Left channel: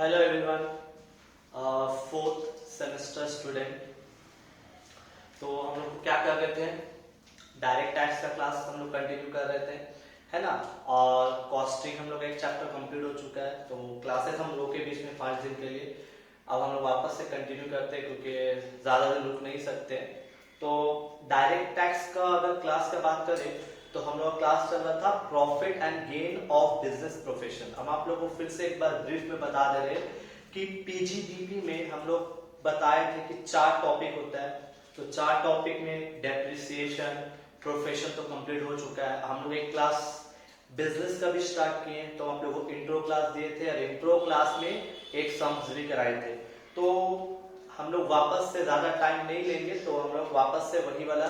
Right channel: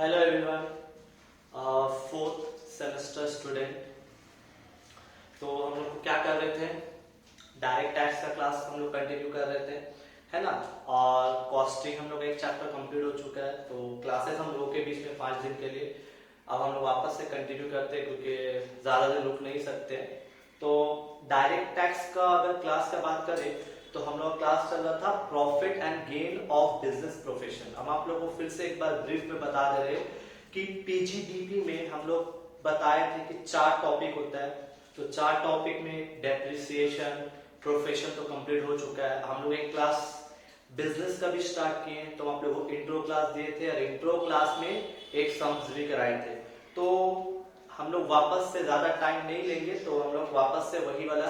Hello everyone, fourth semester student. तो हम लोग क्या कर रहे थे, डायरेक्ट टैक्स का क्लास हम लोग कंटिन्यू कर रहे थे, है ना। और कॉस्टिंग हम लोग एक चैप्टर कंप्लीट हो चुका है, तो क्लासेस हम लोग के बीच में 5 दिन के लिए अब हम लोग वापस से कंटिन्यू करते हैं क्योंकि ज्यादा दिन रुक नहीं सकते। तो डायरेक्ट टैक्स का अगर क्लास का बात करें तो हम लोग क्लास चल रहा था profit and gain of business profession. हम आप लोगों को फिर से एक बार ब्रीफ में बता दे रहे हैं कि पीजीडीपी में हम लोग बताए थे कि 4 टॉपिक होता है। तो 4 टॉपिक में डेप्रिसिएशन, प्रोफेशन तो कंप्लीट हो चुका है। हम लोग एक क्लास बिजनेस का भी स्टार्ट किए, तो हम लोग को इंट्रो क्लास दिए थे और इंट्रो क्लास में एक सम्स भी कराए थे। तो हम लोग वापस से ज्यादा टाइम नहीं लेंगे, तो हम लोग वापस से वही वाला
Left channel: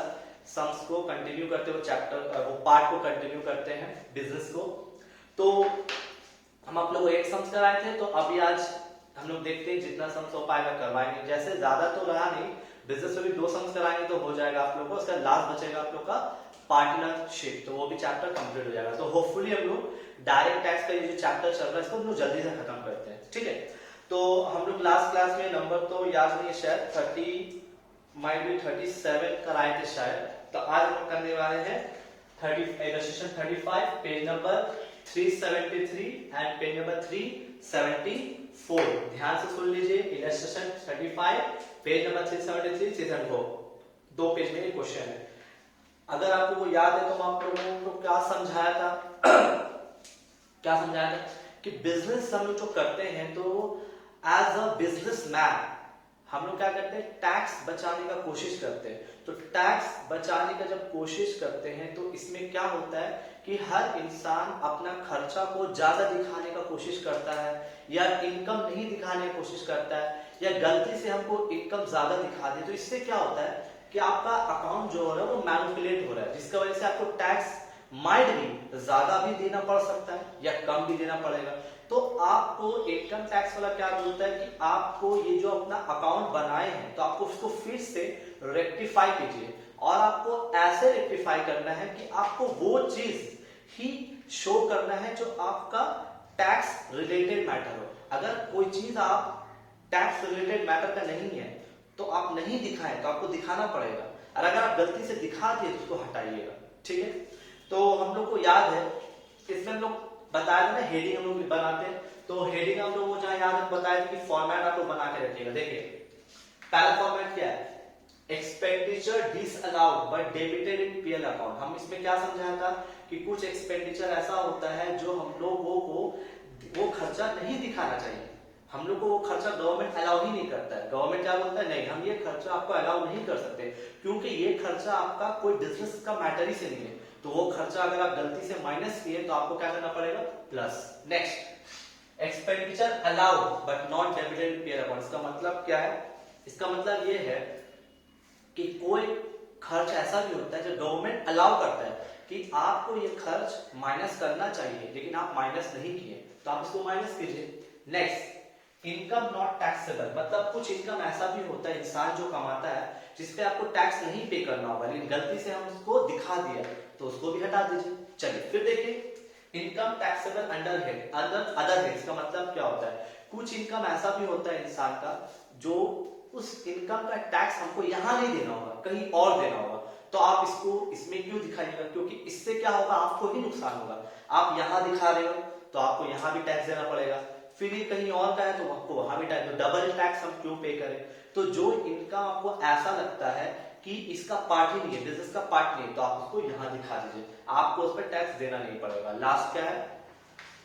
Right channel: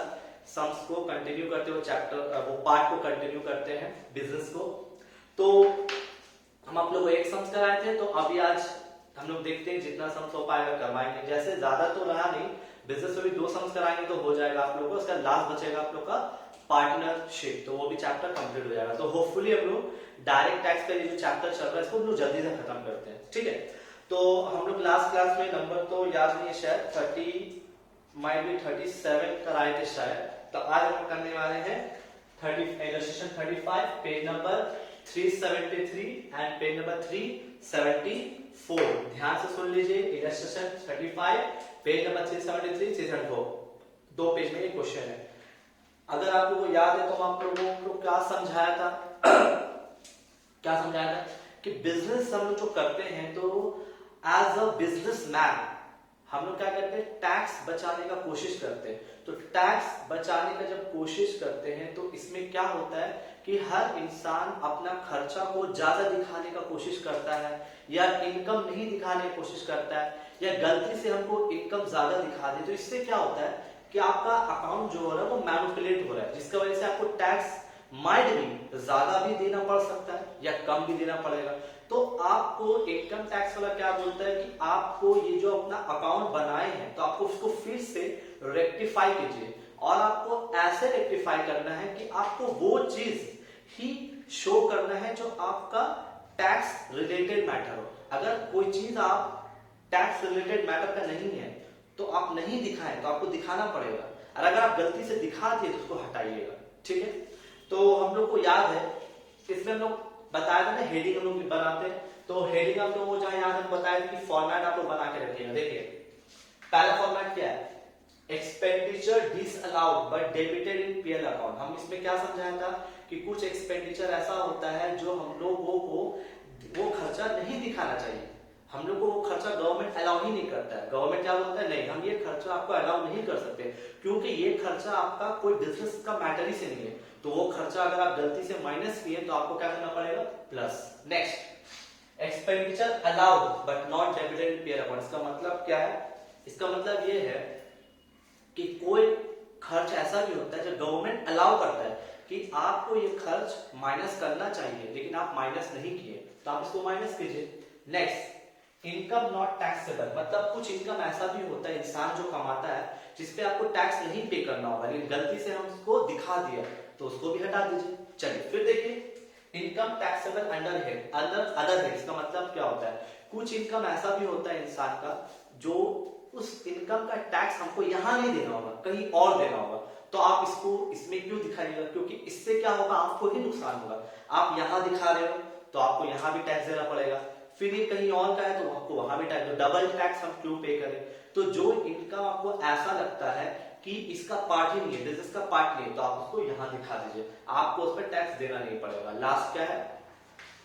सम्स को कंटिन्यू करते हुए चैप्टर वो पार्ट को कंटिन्यू करते हैं बिजनेस को। तो हम आप लोग को एक सम्स कराए थे, तो अभी आज हम लोग देखते हैं जितना सम्स हो पाएगा करवाएंगे। जैसे ज्यादा तो रहा नहीं, बिजनेस में भी 2 सम्स कराएंगे तो हो जाएगा आप लोग को। उसका लास्ट बचेगा आप लोग का पार्टनरशिप, तो वो भी चैप्टर कंप्लीट हो जाएगा। तो होपफुली हम लोग डायरेक्ट टैक्स का ये जो चैप्टर चल रहा है इसको हम लोग जल्दी से खत्म करते हैं, ठीक है। तो हम लोग लास्ट क्लास में नंबर तो याद नहीं है, शायद 37 कराए थे शायद। तो आज हम करने वाले हैं 35 page number 373 and page number 374। ध्यान से सुन लीजिए, इलस्ट्रेशन 35 पेज नंबर 373 374 2 पेज में एक क्वेश्चन है। अगर आप लोगों को याद है तो हम आप लोगों को क्या समझाया था क्या समझाया था कि बिजनेस हम लोग जो करते हैं तो एज अ बिजनेसमैन हम लोग क्या करते हैं, टैक्स बचाने का कोशिश करते हैं। तो टैक्स बचाने का जब कोशिश करते हैं तो इसमें क्या होता है कि हर इंसान अपना खर्चा को ज्यादा दिखाने का कोशिश करता है, या इनकम नहीं दिखाने की कोशिश करता है, या गलती से हमको इनकम ज्यादा दिखा दे। तो इससे क्या होता है कि आपका अकाउंट जो हो रहा है वो मैनिपुलेट हो रहा है, जिसकी वजह से आपको टैक्स माइट भी ज्यादा भी देना पड़ सकता है या कम भी देना पड़ेगा। तो आपको इनकम टैक्स वाला क्या बोलता है कि आपको ये जो अपना अकाउंट बनाए हैं तो आपको उसको फिर से रेक्टिफाई कीजिए, और आपको ऐसे रेक्टिफाई करना है कि आपको वो चीज ही शो करना है जो आपका टैक्स रिलेटेड मैटर हो। अगर कोई चीज आप टैक्स रिलेटेड मैटर का नहीं है तो आप नहीं दिखाएं, तो आपको दिखाना पड़ेगा, और अगर आप गलती से दिखा दिए तो उसको हटाइएगा, ठीक है। तो हम लोग को याद है, इसमें हम लोग बताया था ना हेडिंग हम लोग बनाते हैं, तो हेडिंग हम लोग को जहां याद बताया कि फॉर्मेट आप लोग बना के रखिएगा। देखिए पहला फॉर्मेट क्या है, expenditure disallowed but debited in PL account. हम इसमें क्या समझाया था कि कुछ एक्सपेंडिचर ऐसा होता है जो हम लोगों को वो खर्चा नहीं दिखाना चाहिए, हम लोग को वो खर्चा गवर्नमेंट अलाउ ही नहीं करता है। गवर्नमेंट क्या बोलता है, नहीं हम ये खर्चा आपको अलाउ नहीं कर सकते क्योंकि ये खर्चा आपका कोई बिजनेस का मैटर ही से नहीं है। तो वो खर्चा अगर आप गलती से माइनस किए तो आपको क्या करना पड़ेगा, plus. Next, expenditure allowed but not debited in PL account. इसका मतलब क्या है, इसका मतलब ये है कि कोई खर्च ऐसा भी होता है जो गवर्नमेंट अलाउ करता है कि आपको ये खर्च माइनस करना चाहिए, लेकिन आप माइनस नहीं किए तो आप इसको माइनस कीजिए। नेक्स्ट, इनकम नॉट टैक्सेबल, मतलब कुछ इनकम ऐसा भी होता है इंसान जो कमाता है जिसपे आपको टैक्स नहीं पे करना होगा, लेकिन गलती से हम उसको दिखा दिया तो उसको भी हटा दीजिए। चलिए फिर देखिए, income taxable under head other head का मतलब क्या होता है, कुछ इनकम ऐसा भी होता है इंसान का जो उस इनकम का टैक्स हमको यहां नहीं देना होगा, कहीं और देना होगा। तो आप इसको इसमें क्यों दिखाइएगा, क्योंकि इससे क्या होगा, आपको ही नुकसान होगा। आप यहां दिखा रहे हो तो आपको यहां भी टैक्स देना पड़ेगा, फिर ये कहीं और का है तो आपको वहां भी टैक्स, तो डबल टैक्स हम क्यों पे करें। तो जो इनकम आपको ऐसा लगता है कि इसका पार्ट ही नहीं है, बिजनेस का पार्ट नहीं है, तो आप उसको यहां दिखा दीजिए, आपको उस पर टैक्स देना नहीं पड़ेगा। लास्ट क्या है,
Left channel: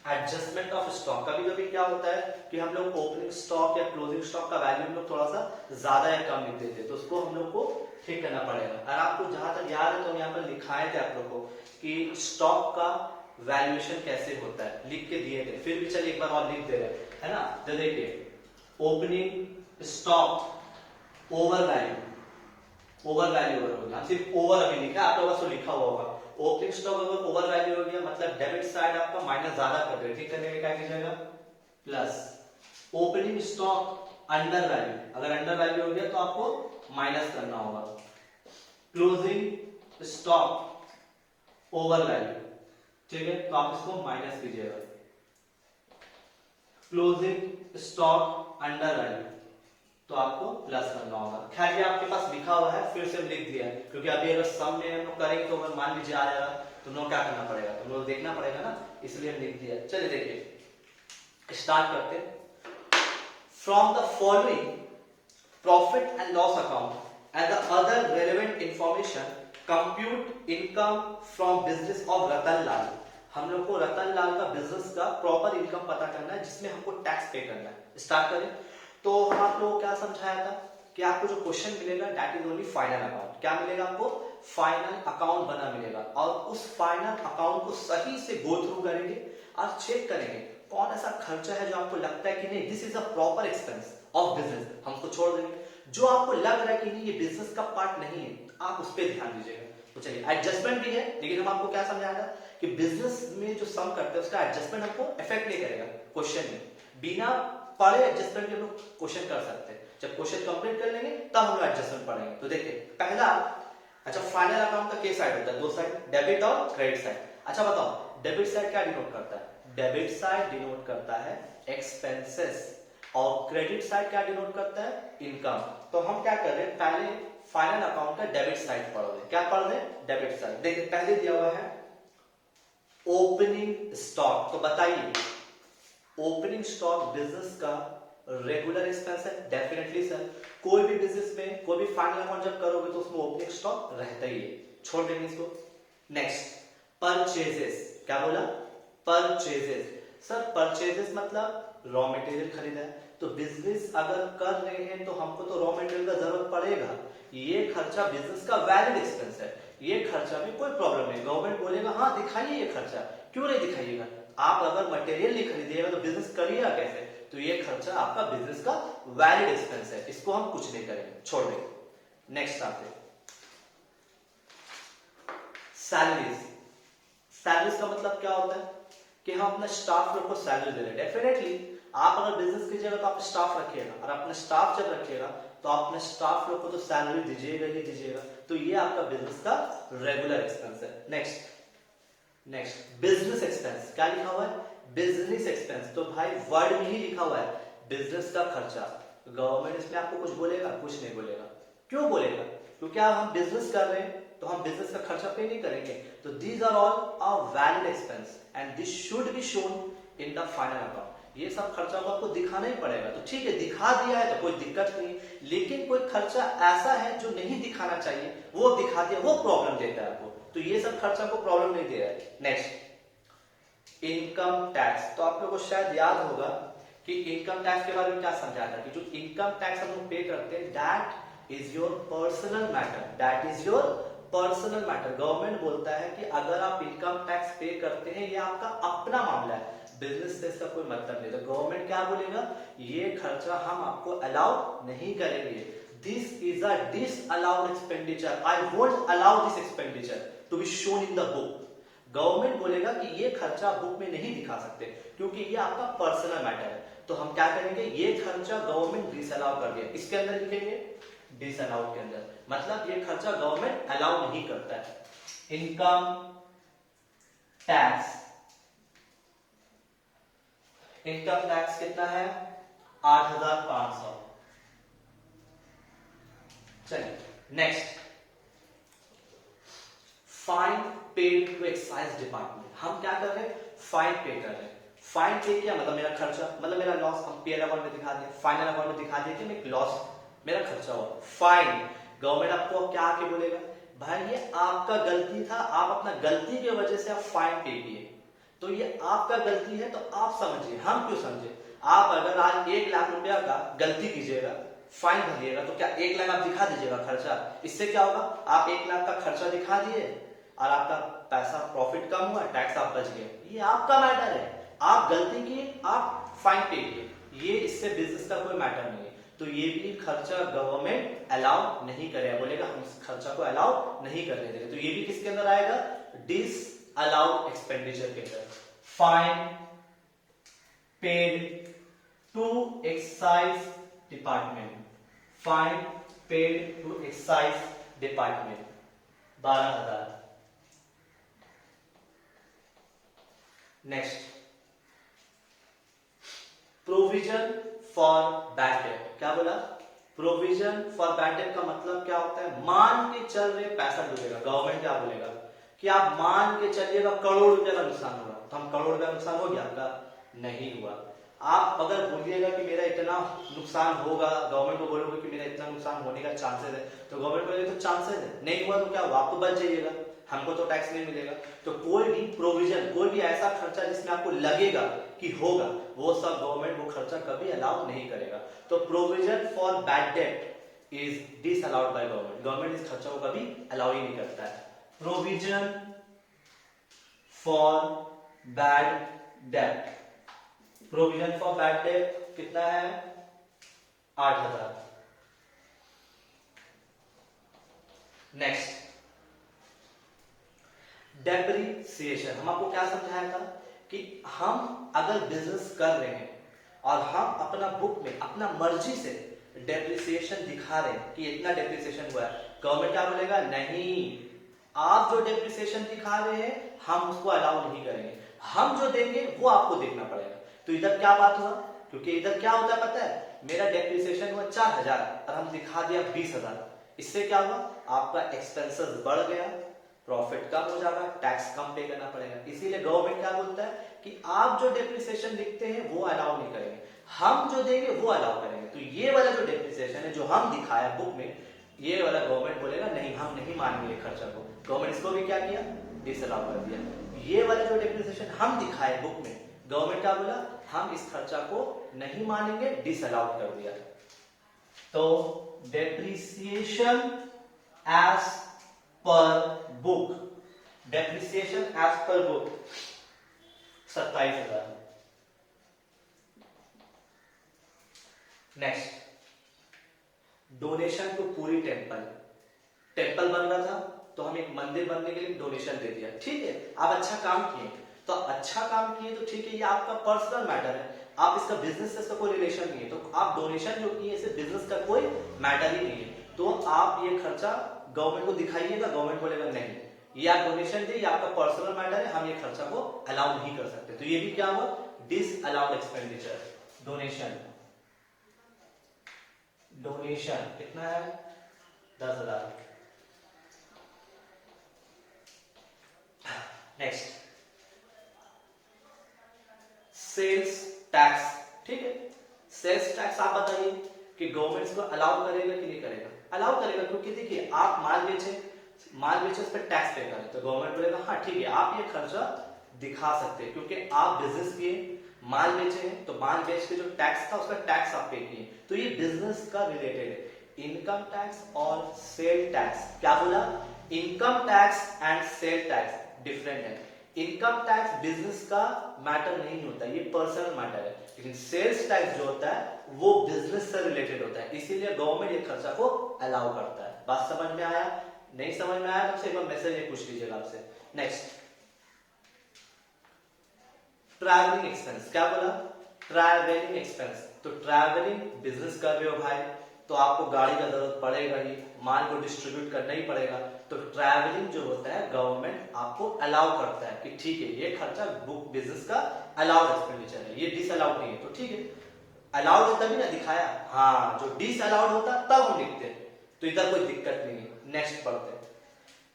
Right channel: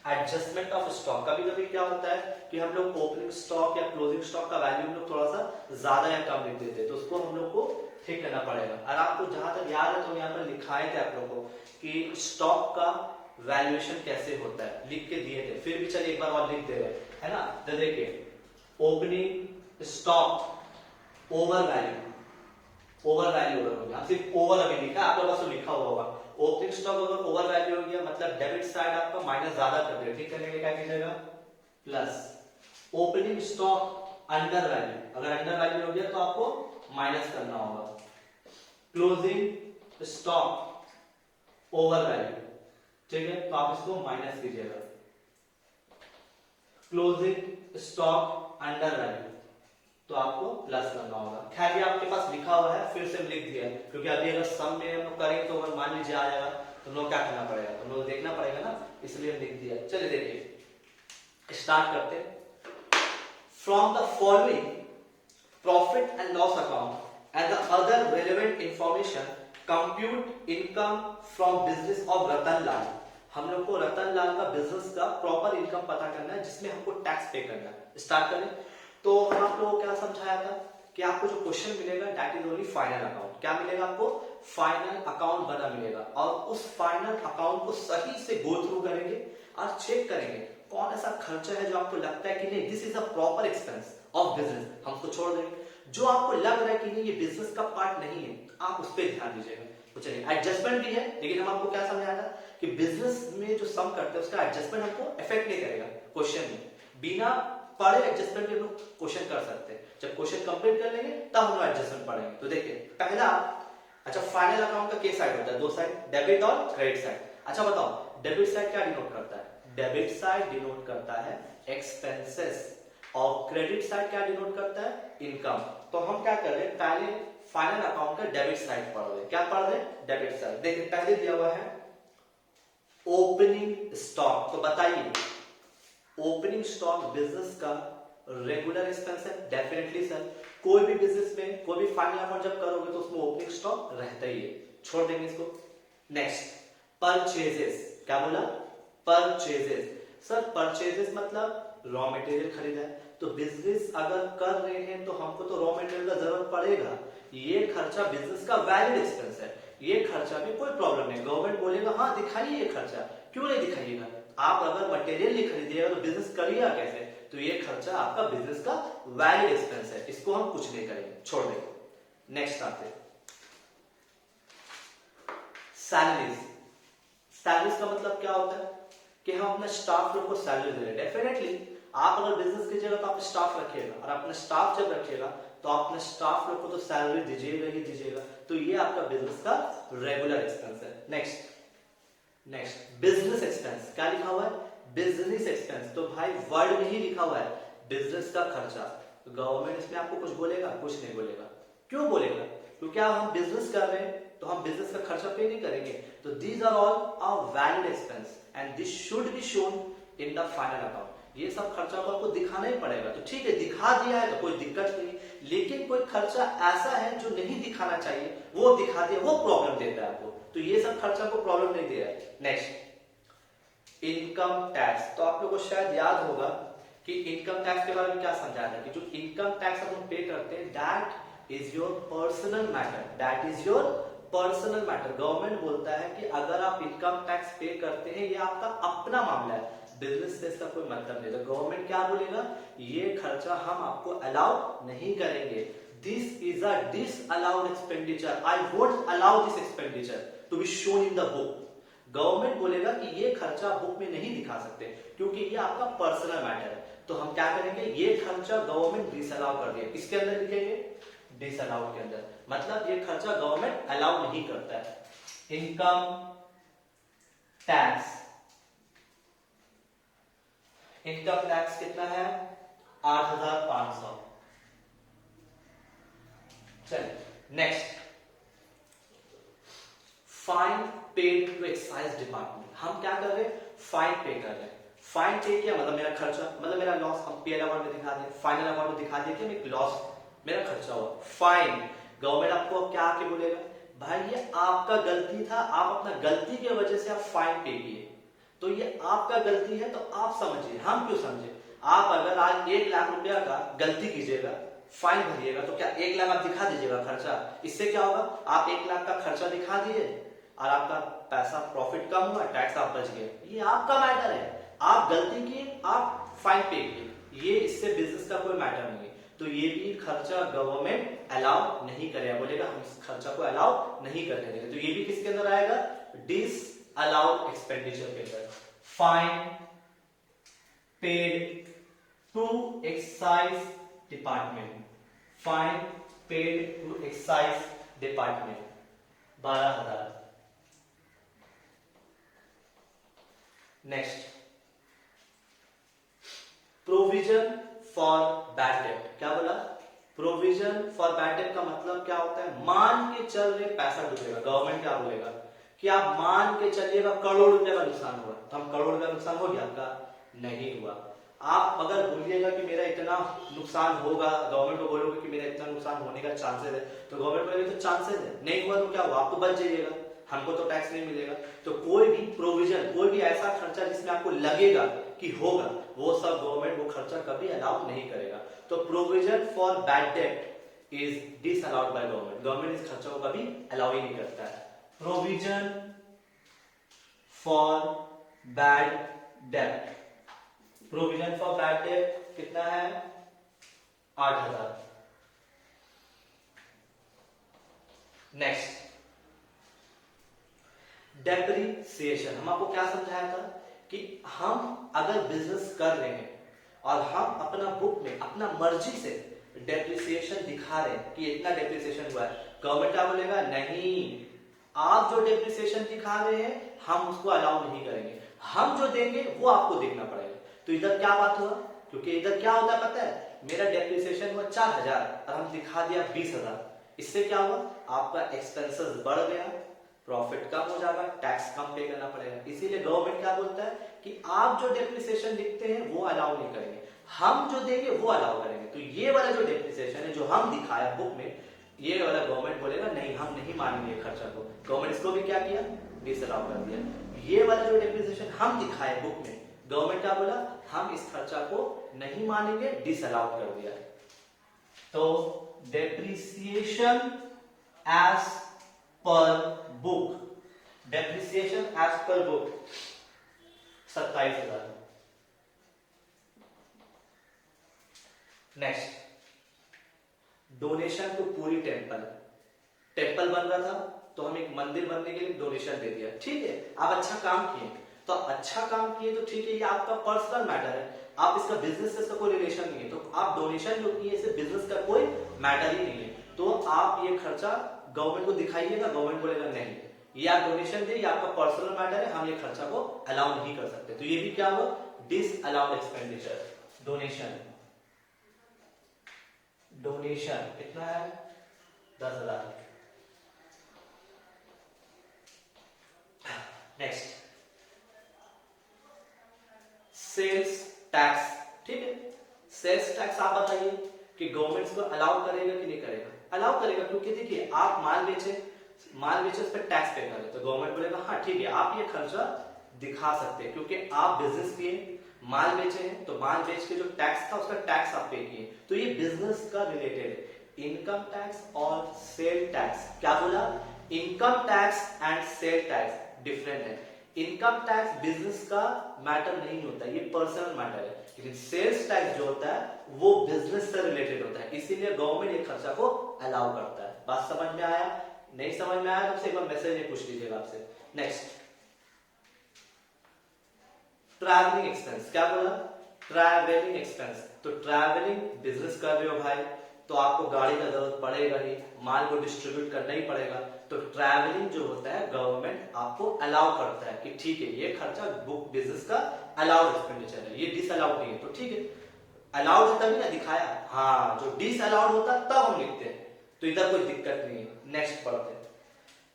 एडजस्टमेंट ऑफ स्टॉक। कभी कभी क्या होता है कि हम लोग ओपनिंग स्टॉक या क्लोजिंग स्टॉक का वैल्यू हम लोग थोड़ा सा ज्यादा या कम लिख देते हैं, तो उसको हम लोग को ठीक करना पड़ेगा। और आपको जहां तक याद है तो यहाँ पर लिखाए थे आप लोग को कि स्टॉक का वैल्यूएशन कैसे होता है, लिख के दिए थे, फिर भी चलिए एक बार और लिख दे रहे हैं, है ना। तो देखिए, ओपनिंग स्टॉक ओवर वैल्यू होगा, सिर्फ ओवर अभी लिखा, आप लोगों से लिखा हुआ होगा। ओपनिंग स्टॉक अगर ओवर वैल्यू हो गया मतलब डेबिट साइड आपका माइनस ज्यादा कर रहे, ठीक करने में क्या कीजिएगा, plus. Opening stock under value, अगर अंडर वैल्यू हो गया तो आपको माइनस करना होगा। क्लोजिंग स्टॉक ओवर वैल्यू, ठीक है, तो आप इसको माइनस कीजिएगा। क्लोजिंग स्टॉक अंडर वैल्यू, तो आपको प्लस करना होगा। खैर ये आपके पास लिखा हुआ है, फिर से लिख दिया है, क्योंकि अभी अगर सम में हम करेंगे तो अगर मान लीजिए आ जाएगा तो हम लोग क्या करना पड़ेगा, तो हम लोग देखना पड़ेगा ना, इसलिए लिख दिया। चलिए देखिए स्टार्ट करते हैं। From the following profit and loss account and the other relevant information compute income from business of Ratan Lal. हम लोग को रतन लाल का बिजनेस का प्रॉपर इनकम पता करना है, जिसमें हमको टैक्स पे करना है। स्टार्ट करें। तो हम आप लोगों को क्या समझाया था कि आपको जो क्वेश्चन मिलेगा that is only final account. क्या मिलेगा आपको? फाइनल अकाउंट बना मिलेगा, और उस फाइनल अकाउंट को सही से गो थ्रू करेंगे और चेक करेंगे कौन ऐसा खर्चा है जो आपको लगता है कि नहीं this is a proper expense of business, हम उसको छोड़ देंगे। जो आपको लग रहा है कि नहीं ये बिजनेस का पार्ट नहीं है, आप उस पर ध्यान दीजिएगा। तो चलिए एडजस्टमेंट भी है, लेकिन हम आपको क्या समझाया था कि बिजनेस में जो सम करते हैं उसका एडजस्टमेंट हमको इफेक्ट नहीं करेगा क्वेश्चन में। बिना पढ़े एडजस्टमेंट के हम लोग क्वेश्चन कर सकते हैं। जब क्वेश्चन कंप्लीट कर लेंगे तब हम लोग एडजस्टमेंट पढ़ेंगे। तो देखिए पहला, अच्छा फाइनल अकाउंट का क्या साइड होता है? दो साइड, डेबिट और क्रेडिट साइड। अच्छा बताओ डेबिट साइड क्या डिनोट करता है? डेबिट साइड डिनोट करता है एक्सपेंसेस, और क्रेडिट साइड क्या डिनोट करता है? इनकम। तो हम क्या कर रहे हैं, पहले फाइनल अकाउंट का डेबिट साइड पढ़ रहे हैं। क्या पढ़ रहे हैं? Debit side. देखिए पहले दिया हुआ है ओपनिंग स्टॉक। तो बताइए ओपनिंग स्टॉक बिजनेस का रेगुलर एक्सपेंस है? Definitely sir. कोई भी बिजनेस में कोई भी फाइनल अकाउंट जब करोगे तो उसमें ओपनिंग स्टॉक रहता ही है, छोड़ देंगे इसको। Next purchases. क्या बोला? परचेजेस। सर परचेजेस मतलब रॉ मटेरियल खरीदा है, तो बिजनेस अगर कर रहे हैं तो हमको तो रॉ मटेरियल का जरूरत पड़ेगा। ये खर्चा बिजनेस का वैलिड एक्सपेंस है, ये खर्चा में कोई प्रॉब्लम नहीं। गवर्नमेंट बोलेगा हाँ दिखाइए ये खर्चा, क्यों नहीं दिखाइएगा? आप अगर मटेरियल नहीं खरीदिएगा तो बिजनेस करिएगा कैसे? तो ये खर्चा आपका बिजनेस का वैलिड एक्सपेंस है, इसको हम कुछ नहीं करेंगे, छोड़ देंगे। नेक्स्ट आते सैलरीज। सैलरीज का मतलब क्या होता है कि हम अपने स्टाफ लोग को सैलरी दे रहे हैं। डेफिनेटली आप अगर बिजनेस कीजिएगा तो आप स्टाफ रखिएगा, और अपने स्टाफ जब रखिएगा तो अपने स्टाफ लोग को तो सैलरी दीजिएगा ही दीजिएगा। तो ये आपका बिजनेस का रेगुलर एक्सपेंस है। Next business expense. क्या लिखा हुआ है? Business expense. तो भाई वर्ड में ही लिखा हुआ है बिजनेस का खर्चा। गवर्नमेंट इसमें आपको कुछ बोलेगा? कुछ नहीं बोलेगा। क्यों बोलेगा? क्योंकि हम बिजनेस कर रहे हैं तो हम बिजनेस का खर्चा पे नहीं करेंगे। तो these are all our valid expense and this should be shown in the final account. ये सब खर्चा को आपको दिखाना ही पड़ेगा। तो ठीक है दिखा दिया है तो कोई दिक्कत नहीं, लेकिन कोई खर्चा ऐसा है जो नहीं दिखाना चाहिए वो दिखा दिया, वो प्रॉब्लम देता है आपको। तो ये सब खर्चा को प्रॉब्लम नहीं दे रहा है। Next income tax. तो आप लोगों को शायद याद होगा कि इनकम टैक्स के बारे में क्या समझाया था कि जो इनकम टैक्स हम लोग पे करते हैं that is your personal matter, that is your personal matter. Government बोलता है कि अगर आप इनकम टैक्स पे करते हैं ये आपका अपना मामला है, बिजनेस से इसका कोई मतलब नहीं। तो गवर्नमेंट क्या बोलेगा? ये खर्चा हम आपको अलाउ नहीं करेंगे। This is a disallowed expenditure, I won't allow this expenditure to be shown in the book. Government बोलेगा कि ये खर्चा बुक में नहीं दिखा सकते क्योंकि ये आपका पर्सनल मैटर है। तो हम क्या करेंगे, ये खर्चा गवर्नमेंट डिसअलाउ कर दिया, इसके अंदर लिखेंगे डिसअलाउड के अंदर, मतलब ये खर्चा गवर्नमेंट अलाउ नहीं करता है। इनकम टैक्स, इनकम टैक्स कितना है? 8,500। चलिए next fine paid to excise department. हम क्या कर रहे हैं? फाइन पे कर रहे हैं। फाइन पे किया मतलब मेरा खर्चा, मतलब मेरा लॉस। हम पीएल अकाउंट में दिखा दिया, फाइनल अकाउंट में दिखा दिया कि मेरा लॉस, मेरा खर्चा हुआ। फाइन, गवर्नमेंट आपको क्या आके बोलेगा? भाई ये आपका गलती था, आप अपना गलती की वजह से आप फाइन पे किए, तो ये आपका गलती है, तो आप समझिए, हम क्यों समझे? आप अगर आज 1 लाख रुपया का गलती कीजिएगा, फाइन भरिएगा, तो क्या 1 लाख आप दिखा दीजिएगा खर्चा? इससे क्या होगा? आप 1 लाख का खर्चा दिखा दिए और आपका पैसा प्रॉफिट कम हुआ, टैक्स आप बच गए। ये आपका मैटर है, आप गलती किए, आप फाइन पे किए, ये इससे बिजनेस का कोई मैटर नहीं है। तो ये भी खर्चा गवर्नमेंट अलाउ नहीं करेगा, बोलेगा हम इस खर्चा को अलाउ नहीं करने देंगे। तो ये भी किसके अंदर आएगा? डिस अलाउड एक्सपेंडिचर के अंदर। Fine paid to excise department, fine paid to excise department 12,000। Next provision for bad debt, क्या बोला? प्रोविजन फॉर बैड डेट का मतलब क्या होता है? मान के चल रहे पैसा डूबेगा, गवर्नमेंट क्या बोलेगा कि आप मान के चलिएगा करोड़ रुपए का नुकसान होगा, तो हम करोड़ रुपए का नुकसान हो गया आपका? नहीं हुआ। आप अगर बोलिएगा कि मेरा इतना नुकसान होगा, गवर्नमेंट को बोलोगे कि मेरा इतना नुकसान होने का चांसेस है, तो गवर्नमेंट बोलेगा तो चांसेस है, नहीं हुआ तो क्या हुआ? आप तो बच जाइएगा, हमको तो टैक्स नहीं मिलेगा। तो कोई भी प्रोविजन, कोई भी ऐसा खर्चा जिसमें आपको लगेगा कि होगा, वो सब गवर्नमेंट वो खर्चा कभी अलाउ नहीं करेगा। तो provision for bad date is disallowed by government, government इस खर्चा को कभी अलाउ ही नहीं करता है। Provision for bad date, provision for bad date कितना है? 8,000। Next, depreciation. हम आपको क्या समझाया था कि हम अगर बिजनेस कर रहे हैं और हम अपना बुक में अपना मर्जी से डेप्रिसिएशन दिखा रहे हैं कि इतना डेप्रिसिएशन हुआ है, गवर्नमेंट क्या बोलेगा? नहीं, आप जो डेप्रिसिएशन दिखा रहे हैं हम उसको अलाउ नहीं करेंगे, हम जो देंगे वो आपको देखना पड़ेगा। तो इधर क्या बात हुआ? क्योंकि इधर क्या होता है पता है, मेरा डेप्रिसिएशन हुआ 4,000 और हम दिखा दिया 20,000, इससे क्या हुआ? आपका एक्सपेंसेस बढ़ गया, प्रॉफिट कम हो जाएगा, टैक्स कम पे करना पड़ेगा। इसीलिए गवर्नमेंट क्या बोलता है कि आप जो डेप्रिसिएशन लिखते हैं वो अलाउ नहीं करेंगे, हम जो देंगे वो अलाउ करेंगे। तो ये वाला जो डेप्रिसिएशन है जो हम दिखाया बुक में, ये वाला गवर्नमेंट बोलेगा नहीं, हम नहीं मानेंगे ये खर्चा को। गवर्नमेंट इसको भी क्या किया? डिसअलाउ कर दिया। ये वाला जो डेप्रिसिएशन हम दिखाए बुक में, गवर्नमेंट क्या बोला? हम इस खर्चा को नहीं मानेंगे, डिसअलाउ कर दिया। तो depreciation as per book, depreciation as per book 27,000। Next, donation to Puri temple. Temple बन रहा था तो हम एक मंदिर बनने के लिए डोनेशन दे दिया, ठीक है, आप अच्छा काम किए, तो अच्छा काम किए तो ठीक है, ये आपका पर्सनल मैटर है, आप इसका बिजनेस से इसका कोई रिलेशन नहीं है, तो आप डोनेशन जो किए इससे बिजनेस का कोई मैटर ही नहीं है, तो आप ये खर्चा गवर्नमेंट को दिखाइएगा, गवर्नमेंट बोलेगा नहीं, ये आप डोनेशन दे, ये आपका पर्सनल मैटर है, हम ये खर्चा को अलाउ नहीं कर सकते। तो ये भी क्या हुआ? Disallowed expenditure. डोनेशन, डोनेशन कितना है? 10,000। नेक्स्ट, सेल्स टैक्स, ठीक है, सेल्स टैक्स आप बताइए कि गवर्नमेंट को अलाउ करेगा कि नहीं करेगा? अलाउ करेगा, क्योंकि देखिए आप माल बेचे उस पर टैक्स पे करें, तो गवर्नमेंट बोलेगा हाँ ठीक है, आप ये खर्चा दिखा सकते हैं, क्योंकि आप बिजनेस किए, माल बेचे हैं, तो माल बेच के जो टैक्स था उसका टैक्स आप पे किए, तो ये बिजनेस का रिलेटेड है। इनकम टैक्स और सेल टैक्स, क्या बोला? Income tax and sale tax different है। इनकम टैक्स बिजनेस का मैटर नहीं होता, ये पर्सनल मैटर है, लेकिन सेल्स टैक्स जो होता है वो बिजनेस से रिलेटेड होता है, इसीलिए गवर्नमेंट ये खर्चा को अलाउ करता है। बात समझ में आया? नहीं समझ में आया तो एक बार मैसेज में पूछ लीजिएगा आपसे। नेक्स्ट, ट्रैवलिंग एक्सपेंस, क्या बोला? Travelling expense. तो ट्रैवलिंग बिजनेस कर रहे हो भाई, तो आपको गाड़ी का जरूरत पड़ेगा ही, माल को डिस्ट्रीब्यूट करना ही पड़ेगा, तो ट्रैवलिंग जो होता है गवर्नमेंट आपको अलाउ करता है कि ठीक है ये खर्चा बुक बिजनेस का अलाउड एक्सपेंडिचर है, ये डिसअलाउड नहीं है, तो ठीक है, अलाउड है तभी ना दिखाया, हाँ, जो डिसअलाउड होता तब हम लिखते हैं, तो इधर कोई दिक्कत नहीं है। नेक्स्ट पढ़ते हैं,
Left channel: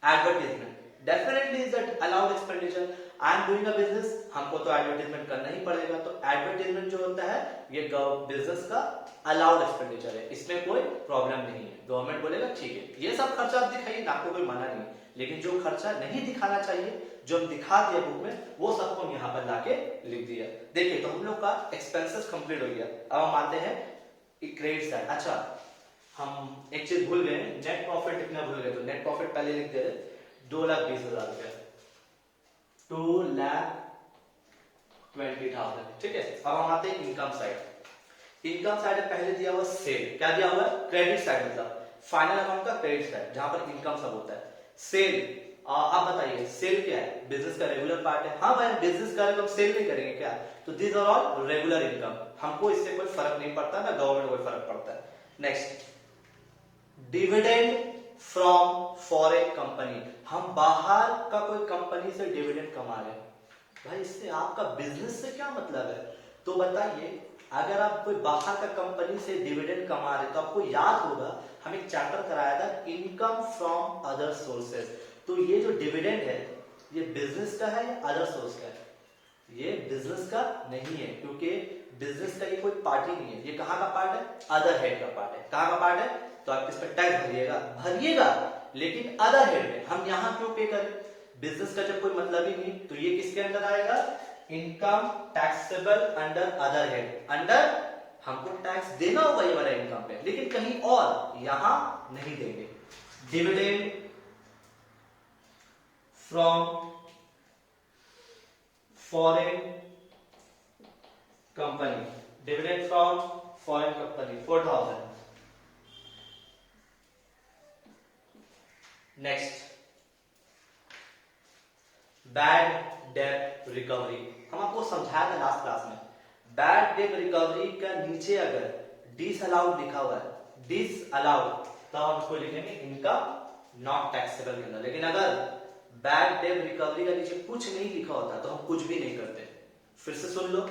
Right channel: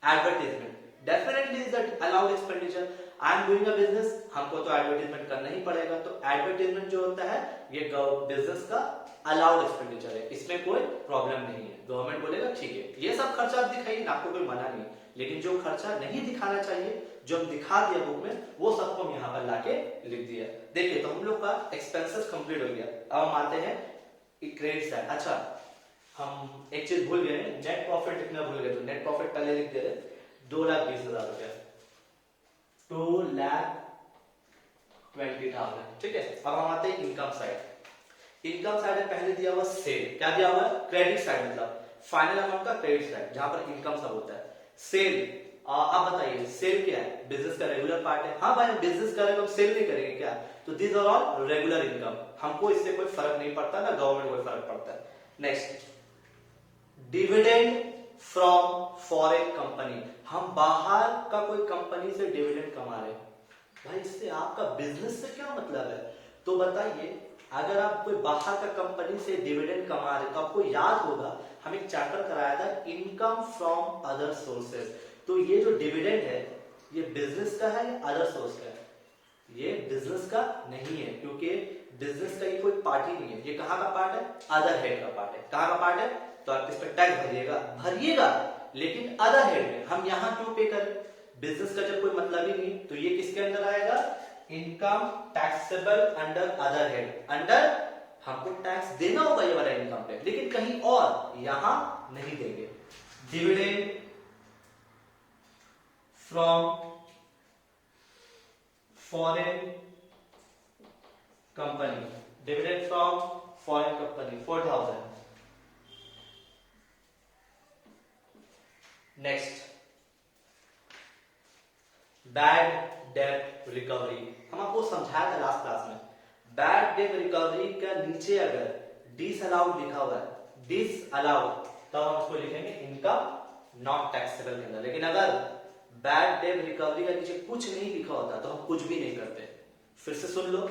advertisement. Definitely is that allowed expenditure, I am doing a business, हमको तो एडवर्टीजमेंट करना ही पड़ेगा, तो एडवर्टीजमेंट जो होता है ये बिजनेस का अलाउड एक्सपेंडिचर है, इसमें कोई प्रॉब्लम नहीं है, गवर्नमेंट बोलेगा ठीक है ये सब खर्चा आप दिखाइए, आपको कोई मना नहीं, लेकिन जो खर्चा नहीं दिखाना चाहिए, जो हम दिखा दिया बुक में, वो सबको हम यहाँ पर लाके लिख दिया। देखिए, तो हम लोग का एक्सपेंसेस कंप्लीट हो गया, अब हम आते हैं क्रेडिट साइड। अच्छा, हम एक चीज भूल गए, नेट प्रॉफिट लिखना भूल गए, तो नेट प्रॉफिट पहले लिख दे रहे 2,20,000 रुपया, 2,20,000, ठीक है। अब हम आते हैं इनकम साइड। इनकम साइड में पहले दिया हुआ सेल, क्या दिया हुआ है? क्रेडिट साइड, मतलब फाइनल अमाउंट का क्रेडिट साइड, जहां पर इनकम सब होता है। सेल, आप बताइए सेल क्या है? बिजनेस का रेगुलर पार्ट है। हाँ भाई, हम बिजनेस करेंगे तो सेल नहीं करेंगे क्या? तो this are all regular income, हमको इससे कोई फर्क नहीं पड़ता, ना गवर्नमेंट को कोई फर्क पड़ता है। Next, dividend from foreign company, हम बाहर का कोई कंपनी से डिविडेंड कमा रहे हैं, भाई इससे आपका बिजनेस से क्या मतलब है? तो बताइए, अगर आप कोई बाहर का कंपनी से डिविडेंड कमा रहे तो आपको याद होगा हम एक चैप्टर कराया था इनकम फ्रॉम अदर सोर्सेज। तो ये जो डिविडेंड है ये बिजनेस का है या अदर सोर्स का है? ये बिजनेस का नहीं है, क्योंकि बिजनेस का ये कोई पार्ट ही नहीं है। ये कहाँ का पार्ट है? अदर हेड का पार्ट है। कहाँ का पार्ट है? तो आप इस पर टैक्स भरिएगा, लेकिन अदर हेड में। हम यहाँ क्यों पे करें? बिजनेस का जब कोई मतलब ही नहीं, तो ये किसके अंदर आएगा? Income taxable under other head. Under हमको टैक्स देना होगा ये वाला इनकम पे, लेकिन कहीं और, यहां नहीं देंगे। Dividend from foreign company, dividend from foreign company 4000। Next, bad debt recovery. हम आपको समझाया था लास्ट क्लास में, बैड डेट रिकवरी का नीचे अगर डिसअलाउड लिखा हुआ है, डिसअलाउड, तो हम उसको लिखेंगे इनकम नॉट टैक्सेबल के अंदर। लेकिन अगर बैड डेट रिकवरी का नीचे कुछ नहीं लिखा होता तो हम कुछ भी नहीं करते। फिर से सुन लो,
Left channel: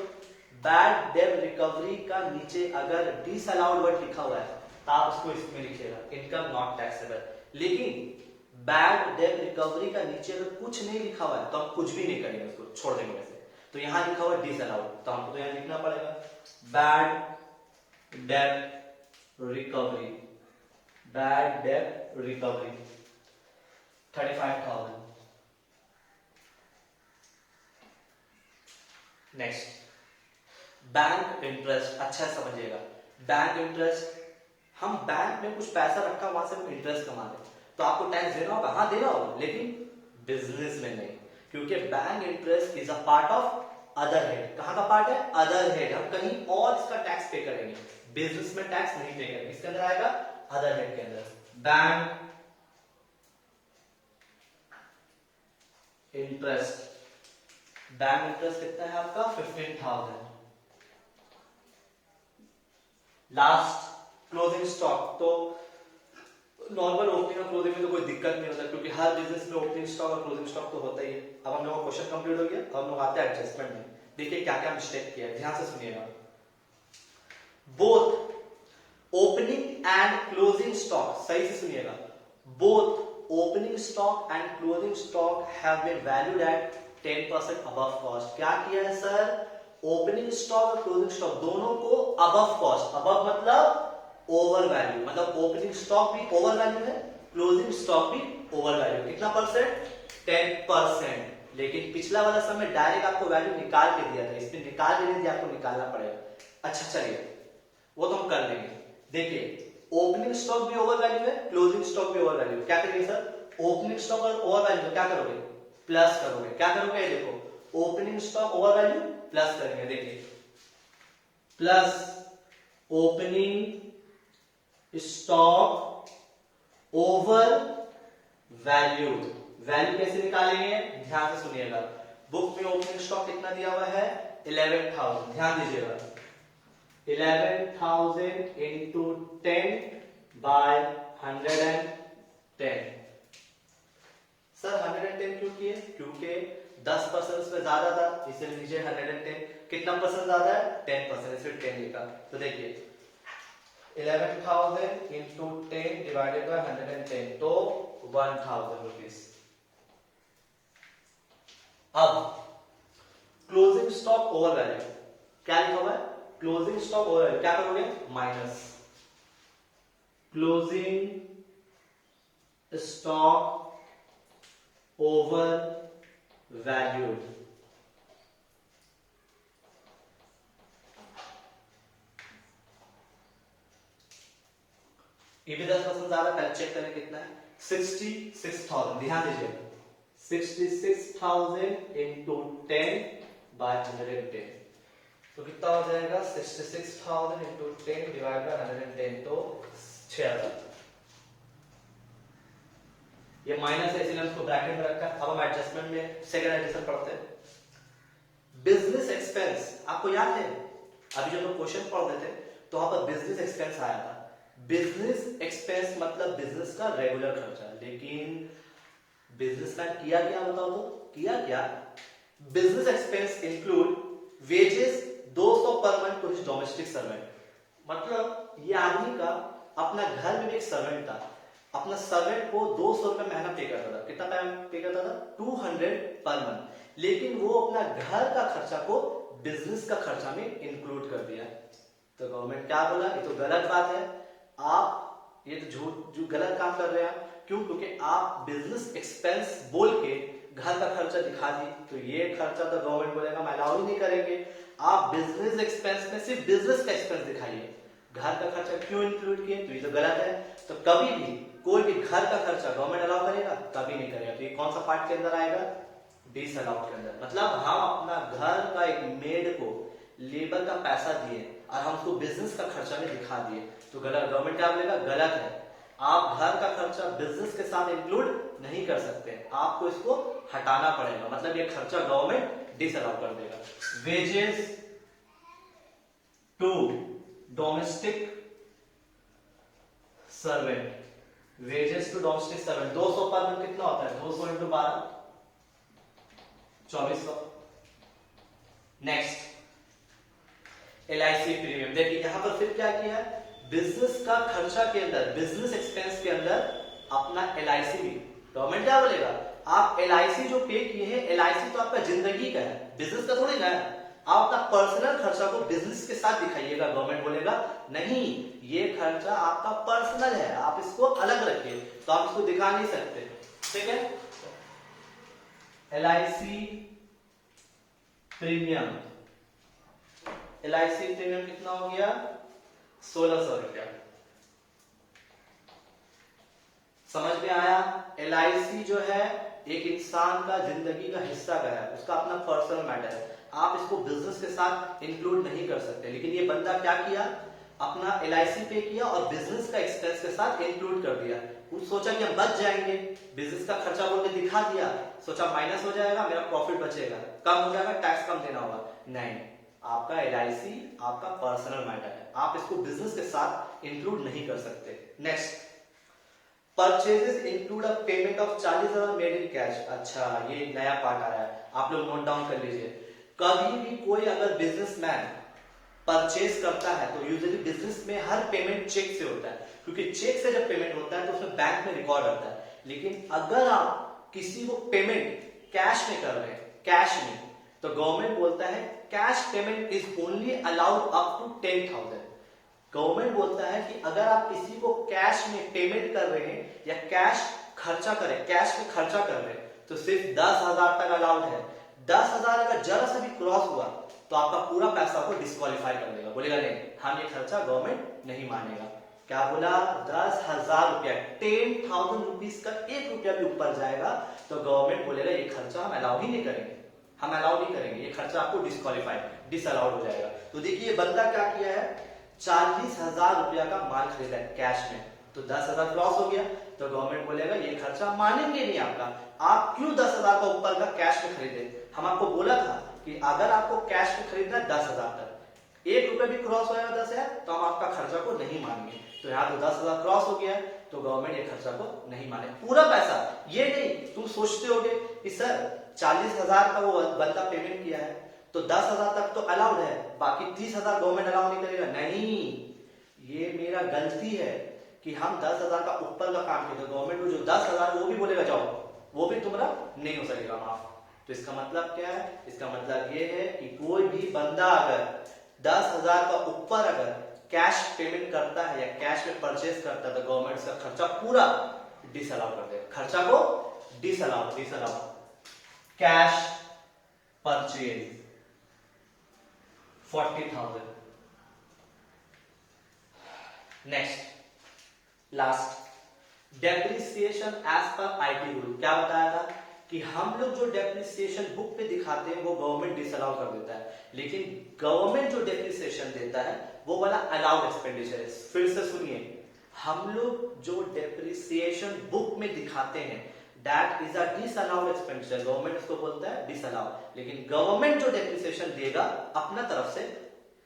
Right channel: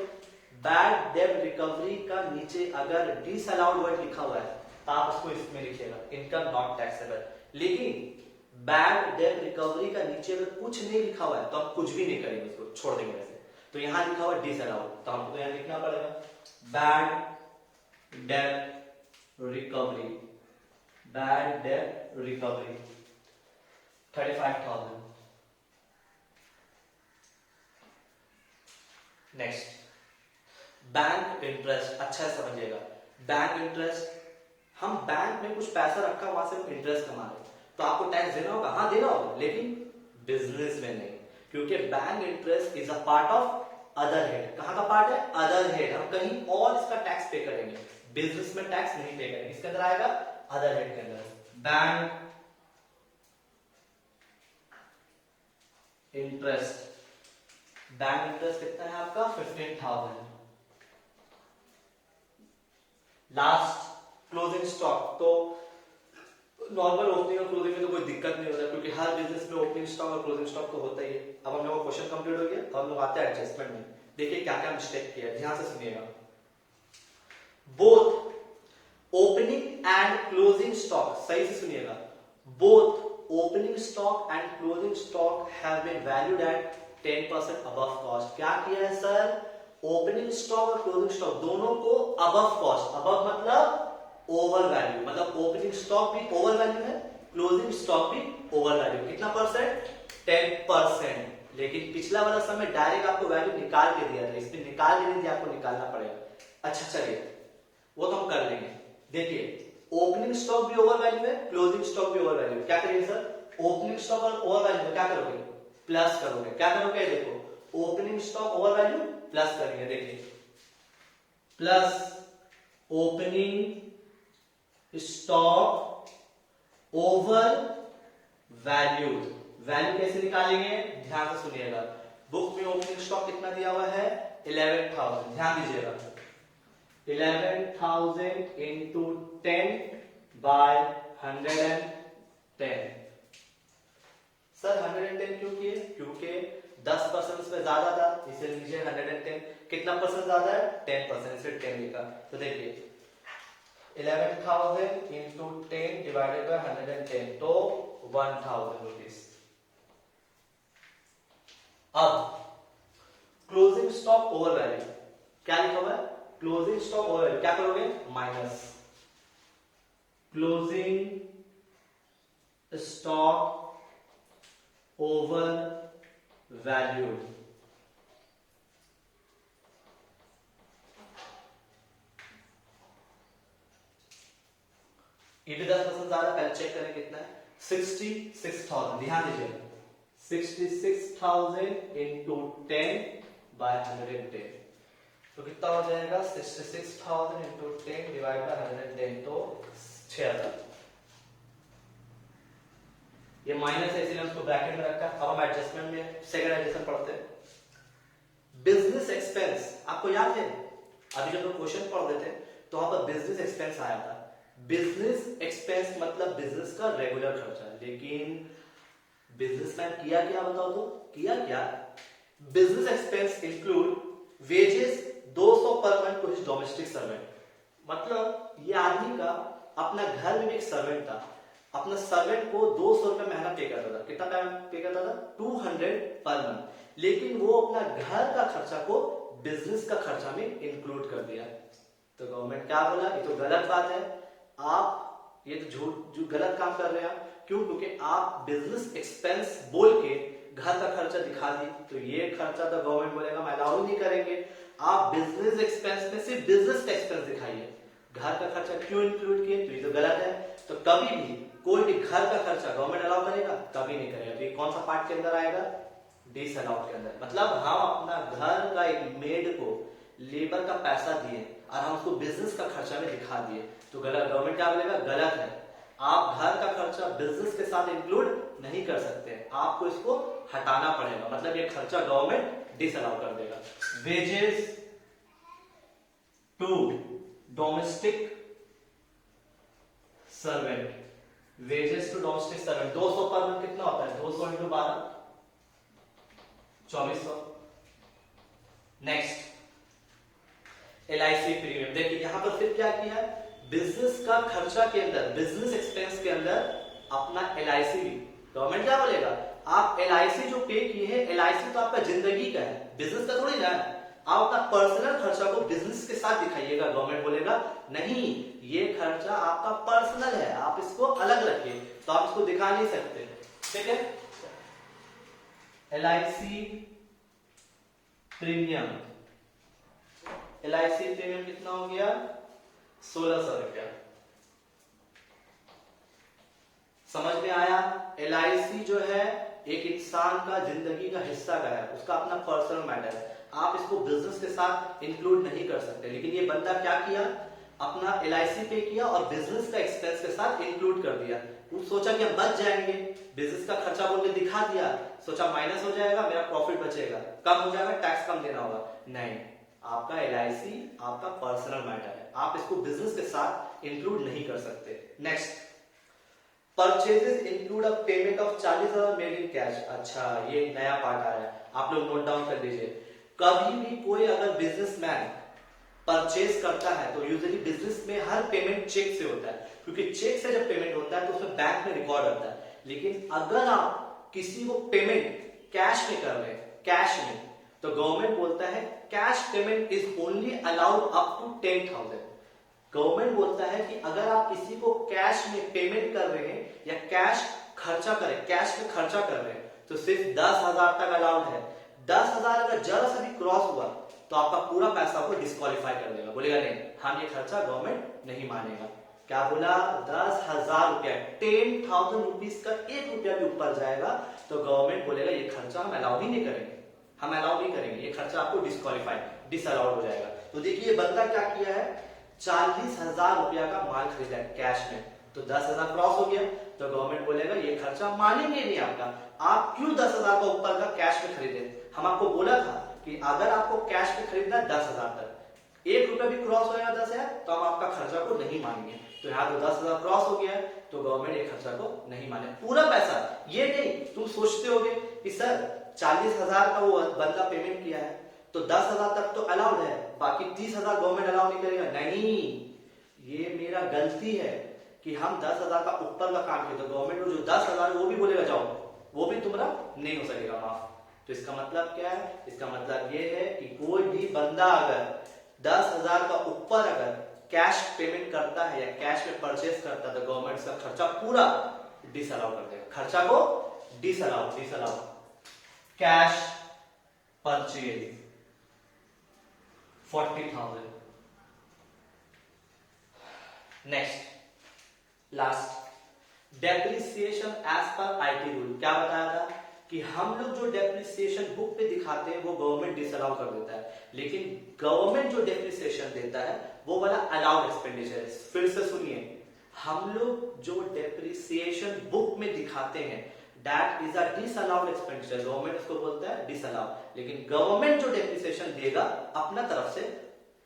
बैड डेट रिकवरी का नीचे अगर डिसअलाउड वर्ड लिखा हुआ है तो आप उसको इसमें लिखिएगा इनकम नॉट टैक्सेबल। लेकिन बैड डेट रिकवरी का नीचे अगर कुछ नहीं लिखा हुआ है तो हम कुछ भी नहीं करेंगे, उसको छोड़ देंगे वैसे। तो यहां लिखा हुआ डिसअलाउड, तो हमको तो यहां लिखना पड़ेगा bad debt recovery, bad debt recovery 35,000। Next, bank interest. अच्छा समझिएगा, बैंक इंटरेस्ट, हम बैंक में कुछ पैसा रखा, वहां से हम इंटरेस्ट कमा रहे, तो आपको टैक्स देना होगा। हाँ देना होगा, लेकिन बिजनेस में नहीं, क्योंकि bank interest is a part of other head. कहां का पार्ट है? Other head. हम कहीं और इसका टैक्स पे करेंगे, बिजनेस में टैक्स नहीं पे करेंगे। इसके अंदर आएगा अदर हेड के अंदर। बैंक इंटरेस्ट, बैंक इंटरेस्ट कितना है आपका? 15,000। Last, closing stock. तो नॉर्मल ओपनिंग और क्लोजिंग में तो कोई दिक्कत नहीं होता, क्योंकि हर बिजनेस में ओपनिंग स्टॉक और क्लोजिंग स्टॉक तो होता ही है। अब हम लोगों का क्वेश्चन कंप्लीट हो गया, अब हम लोग आते हैं एडजस्टमेंट में। देखिए क्या क्या मिस्टेक किया है, ध्यान से सुनिएगा। Both opening and closing stock, सही से सुनिएगा, both opening stock and closing stock have been valued at 10% above cost. क्या किया है सर? ओपनिंग स्टॉक और क्लोजिंग स्टॉक दोनों को अबव कॉस्ट, अबव मतलब ओवर वैल्यू, मतलब ओपनिंग स्टॉक भी ओवर वैल्यू है, क्लोजिंग स्टॉक भी ओवर वैल्यू। कितना परसेंट? 10%। लेकिन पिछला वाला समय डायरेक्ट आपको वैल्यू निकाल के दिया था, इसमें निकाल के नहीं दिया, आपको निकालना पड़ेगा। अच्छा चलिए, वो तो हम कर लेंगे। देखिए, ओपनिंग स्टॉक भी ओवर वैल्यू है, क्लोजिंग स्टॉक भी ओवर वैल्यू। क्या करेंगे सर? ओपनिंग स्टॉक और ओवर वैल्यू क्या करोगे? प्लस करोगे। क्या करोगे? देखो, opening stock over value plus करेंगे। देखिए, plus opening stock over valued. Value कैसे निकालेंगे? ध्यान से सुनिएगा, बुक में ओपनिंग स्टॉक कितना दिया हुआ है? 11,000। ध्यान दीजिएगा, 11,000 इंटू 10 बाय 110। सर 110 क्यों किए? क्योंकि 10% इसमें ज्यादा था, इसलिए नीचे 110। कितना परसेंट ज्यादा है? 10%, इसलिए 10 लिखा। तो देखिए 11,000 इंटू 10 डिवाइडेड बाय 110, तो 1,000 रुपीज। अब क्लोजिंग स्टॉक ओवर वैल्यू क्या लिखा हुआ है? क्लोजिंग स्टॉक ओवर वैल्यू क्या करोगे? Minus closing stock over value. ये भी 10% ज्यादा, पहले चेक करें कितना है? 66,000। ध्यान दीजिए, 66,000 इंटू 10 बाय 110, तो कितना हो जाएगा? 66,000 इंटू 10 डिवाइड बाय 110, तो 6,000। ये माइनस है, इसलिए हमको ब्रैकेट में रखा है। अब हम एडजस्टमेंट में सेकंड एडजस्टमेंट पढ़ते हैं। बिजनेस एक्सपेंस, आपको याद है अभी जब हम क्वेश्चन पढ़ रहे थे तो वहां पर बिजनेस एक्सपेंस आया था। बिजनेस एक्सपेंस मतलब बिजनेस का रेगुलर खर्चा, लेकिन बिजनेसमैन किया क्या? बताओ तो, किया क्या? Business expense include wages 200 per month to his domestic servant. मतलब ये आदमी का अपना घर में एक सर्वेंट था, अपना सर्वेंट को 200 रुपए महीना पे करता था। कितना पे करता था? 200 पर मंथ। लेकिन वो अपना घर का खर्चा को बिजनेस का खर्चा में इंक्लूड कर दिया। तो गवर्नमेंट क्या बोला? ये तो गलत बात है, आप ये तो झूठ गलत काम कर रहे हैं आप। क्यों? क्योंकि आप बिजनेस एक्सपेंस बोल के घर का खर्चा दिखा दी, तो ये खर्चा तो गवर्नमेंट बोलेगा मैं अलाउ ही नहीं करेंगे। आप बिजनेस एक्सपेंस में सिर्फ बिजनेस का एक्सपेंस दिखाइए, घर का खर्चा क्यों इंक्लूड किए? तो ये तो गलत है। तो कभी भी कोई भी घर का खर्चा गवर्नमेंट अलाउ करेगा? कभी नहीं करेगा। तो ये कौन सा पार्ट के अंदर आएगा? डिसअलाउड के अंदर। मतलब हम अपना घर का एक मेड को लेबर का पैसा दिए और हम उसको बिजनेस का खर्चा में दिखा दिए, तो गलत। गवर्नमेंट क्या बोलेगा? गलत है, आप घर का खर्चा बिजनेस के साथ इंक्लूड नहीं कर सकते, आपको इसको हटाना पड़ेगा। मतलब ये खर्चा गवर्नमेंट डिसअलाउ कर देगा। Wages to domestic servant, wages to domestic servant 200 per month कितना होता है? 200 इंटू 12 2400। Next LIC premium. देखिए यहां पर फिर क्या किया है, बिजनेस का खर्चा के अंदर, बिजनेस एक्सपेंस के अंदर अपना LIC भी। गवर्नमेंट क्या बोलेगा? आप LIC जो पे किए हैं, LIC तो आपका जिंदगी का है, बिजनेस का थोड़ी ना है। आप अपना पर्सनल खर्चा को बिजनेस के साथ दिखाइएगा। गवर्नमेंट बोलेगा नहीं, ये खर्चा आपका पर्सनल है, आप इसको अलग रखिए, तो आप इसको दिखा नहीं सकते। ठीक है, LIC प्रीमियम, LIC प्रीमियम कितना हो गया? 1600 रुपया। समझ में आया? LIC जो है एक इंसान का जिंदगी का हिस्सा का है, उसका अपना पर्सनल मैटर है, आप इसको बिजनेस के साथ इंक्लूड नहीं कर सकते। लेकिन ये बंदा क्या किया, अपना LIC पे किया और बिजनेस का एक्सपेंस के साथ इंक्लूड कर दिया। कुछ सोचा कि हम बच जाएंगे, बिजनेस का खर्चा बोल के दिखा दिया, सोचा माइनस हो जाएगा, मेरा प्रॉफिट बचेगा, कम हो जाएगा, टैक्स कम देना होगा। नहीं, आपका LIC आपका पर्सनल मैटर है, आप इसको बिजनेस के साथ इंक्लूड नहीं कर सकते। Next, purchases include a payment of 40,000 made in cash. अच्छा, ये नया पार्ट आया है, आप लोग नोट डाउन कर लीजिए। कभी भी कोई अगर बिजनेसमैन परचेज करता है तो यूजुअली बिजनेस में हर पेमेंट चेक से होता है, क्योंकि चेक से जब पेमेंट होता है तो उसमें बैंक में रिकॉर्ड रहता है। लेकिन अगर आप किसी को पेमेंट कैश में कर रहे हैं, कैश में, तो गवर्नमेंट बोलता है cash payment is only allowed up to 10,000। Government बोलता है कि अगर आप किसी को कैश में पेमेंट कर रहे हैं या कैश खर्चा करें, कैश में खर्चा कर रहे हैं, तो सिर्फ 10,000 तक अलाउड है। 10,000 अगर जरा से भी क्रॉस हुआ तो आपका पूरा पैसा को डिस्क्वालीफाई कर देगा, बोलेगा नहीं, हम ये खर्चा गवर्नमेंट नहीं मानेगा। क्या बोला? 10,000 रुपया, 10,000 रुपीज का 1 रुपया भी ऊपर जाएगा तो गवर्नमेंट बोलेगा ये खर्चा हम अलाउ ही नहीं करेंगे, हम अलाउ नहीं करेंगे, ये खर्चा आपको डिस्क्वालीफाइड, डिसअलाउड हो जाएगा। तो देखिए बंदा क्या किया है, 40,000 रुपया का माल खरीदा है कैश में, तो 10,000 क्रॉस हो गया तो गवर्नमेंट बोलेगा ये खर्चा मानेंगे नहीं आपका, आप क्यों 10,000 का ऊपर का कैश में खरीदे। हम आपको बोला था कि अगर आपको कैश में खरीदना है 10,000 तक, 1 रुपया भी क्रॉस होगा 10,000 तो हम आपका खर्चा को नहीं मानेंगे। तो यहाँ तो 10,000 क्रॉस हो गया है तो गवर्नमेंट ये खर्चा को नहीं माने, पूरा पैसा। ये नहीं तुम सोचते होगे कि सर 40,000 का वो बंदा पेमेंट किया है तो 10,000 तक तो अलाउड है, बाकी 30,000 गवर्नमेंट अलाउ नहीं करेगा। नहीं, ये मेरा गलती है कि हम 10,000 का ऊपर का काम किए तो गवर्नमेंट को जो 10,000 वो भी बोलेगा जाओ, वो भी तुम्हारा नहीं हो सकेगा माफ। तो इसका मतलब क्या है? इसका मतलब ये है कि कोई भी बंदा अगर 10,000 का ऊपर अगर कैश पेमेंट करता है या कैश में परचेज करता है तो गवर्नमेंट उसका खर्चा पूरा डिसअलाउ कर देगा, खर्चा को disallow. Cash purchase 40,000। Next last, depreciation as per IT rule. क्या बताया था कि हम लोग जो डेप्रिसिएशन बुक पे दिखाते हैं वो गवर्नमेंट डिसअलाउ कर देता है, लेकिन गवर्नमेंट जो डेप्रिसिएशन देता है वो वाला अलाउड एक्सपेंडिचर है। फिर से सुनिए, हम लोग जो डेप्रिसिएशन बुक में दिखाते हैं that is a disallowed expenditure, government उसको बोलता है डिसअलाउ। लेकिन गवर्नमेंट जो डेप्रिसिएशन देगा अपना तरफ से,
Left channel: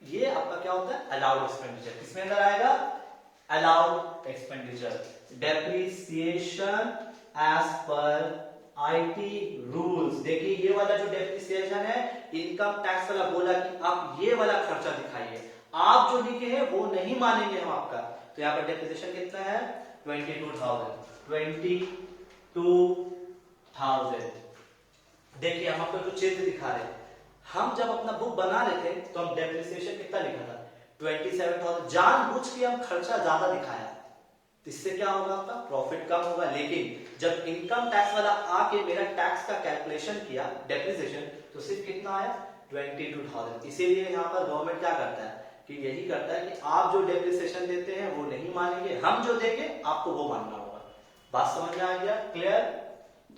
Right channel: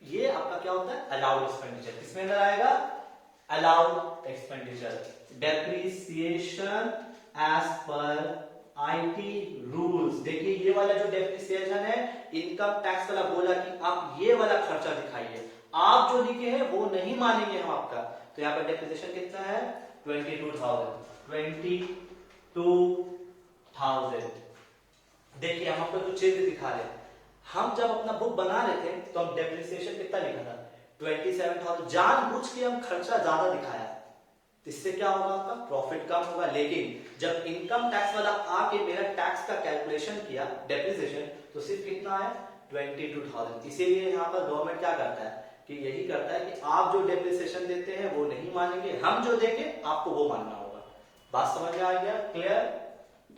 ये आपका क्या होता है? Allowed expenditure. किसमें अंदर आएगा? Allowed expenditure. Depreciation as per IT rules. देखिए ये वाला जो डेप्रिसिएशन है इनकम टैक्स वाला बोला कि आप ये वाला खर्चा दिखाइए, आप जो लिखे हैं वो नहीं मानेंगे हम आपका। तो यहाँ पर डेप्रिसिएशन कितना है 22,000। देखिए हम आपको कुछ चीज दिखा रहे हैं, हम जब अपना बुक बना रहे थे तो हम डेप्रिसिएशन कितना लिखा था 27,000, जानबूझ के हम खर्चा ज्यादा दिखाया, इससे क्या होगा आपका प्रॉफिट कम होगा। लेकिन जब इनकम टैक्स वाला आके मेरा टैक्स का कैलकुलेशन किया डेप्रिसिएशन तो सिर्फ कितना आया 22,000। इसीलिए यहाँ पर गवर्नमेंट क्या करता है कि यही करता है कि आप जो डेप्रिसिएशन देते हैं वो नहीं मानेंगे, हम जो देंगे आपको वो मानना होगा। बात समझ में आ गया? क्लियर?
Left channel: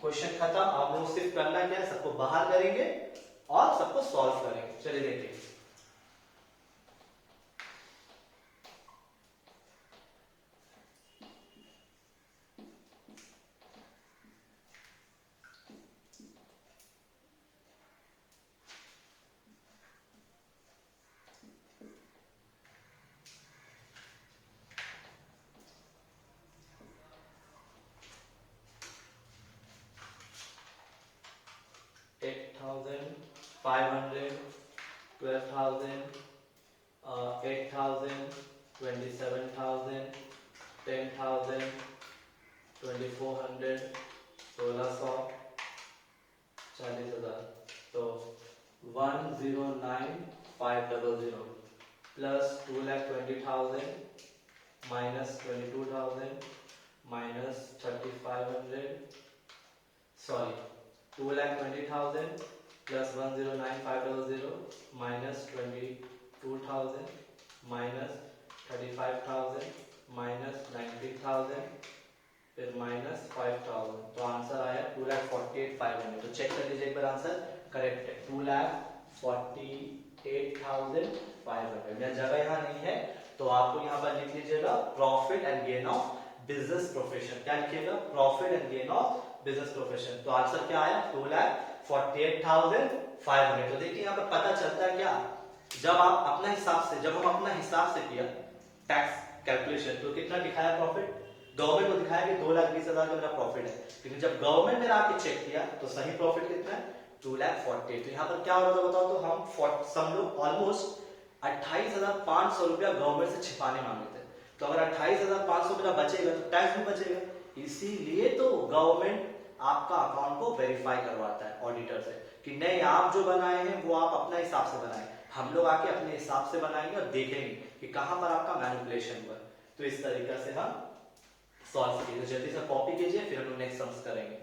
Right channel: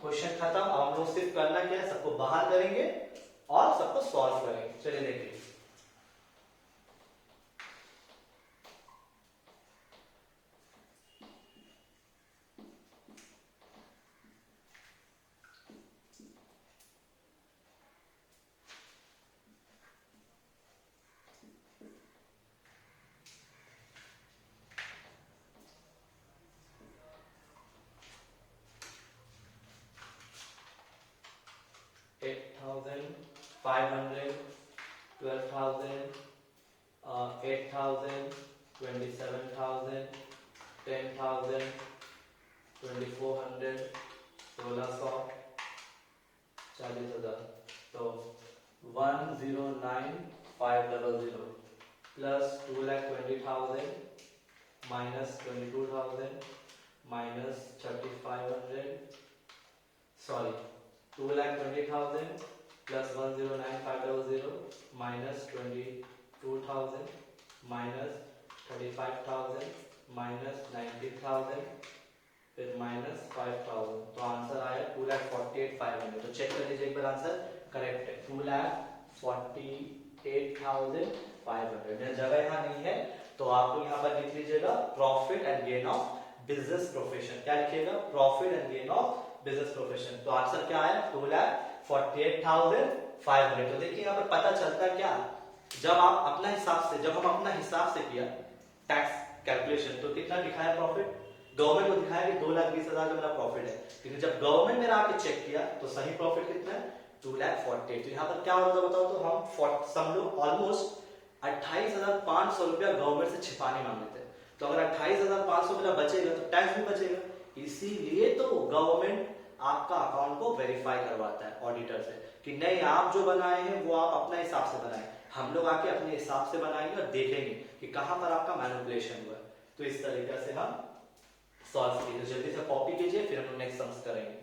क्वेश्चन खत्म। हम लोग सिर्फ करना क्या है, सबको बाहर करेंगे और सबको सॉल्व करेंगे। चलिए देखिए 8,500, 12,000, 8,000, 27,000, 10,000, 2,400, 1,600, 40,000। तो 109,500 plus 2,20,000 minus 22,000 minus 3,500, sorry 2,20,000 plus 109,500 minus 22,000 minus 35,000 minus 19,000 फिर माइनस 5,000। तो आंसर आया 2,48,500। तो चेक कर लीजिए एक बार, आंसर करेक्ट है 2,48,500। मेरा जगह यहाँ नहीं है तो आपको यहाँ पर लिख लीजिएगा profit and gain of business profession. क्या लिखिएगा? Profit and gain of business profession. तो आंसर क्या आया 2,48,500। तो देखिए यहाँ पर पता चलता है क्या, जब हम अपना हिसाब से किया टैक्स कैलकुलेशन तो कितना दिखाया प्रॉफिट, गवर्नमेंट को दिखाया कि 2,20,000 का मेरा प्रॉफिट है, लेकिन जब गवर्नमेंट मेरा आके चेक किया तो सही प्रॉफिट कितना है 2,48,000। तो यहाँ पर क्या होता बताओ, तो हम सब लोग ऑलमोस्ट 28,500 रुपया गवर्नमेंट से छिपाने मांगे थे। तो अगर 28,500 रुपया बचेगा तो टैक्स भी बचेगा, इसीलिए तो गवर्नमेंट आपका अकाउंट को वेरीफाई करवाता है ऑडिटर से कि नहीं आप जो बनाए हैं वो आप अपने हिसाब से बनाए, हम लोग आके अपने हिसाब से बनाएंगे और देखेंगे कि कहां पर आपका मैनिपुलेशन हुआ है। तो इस तरीके से हम सॉल्व कीजिए। जल्दी से कॉपी कीजिए फिर हम नेक्स्ट सम्स करेंगे।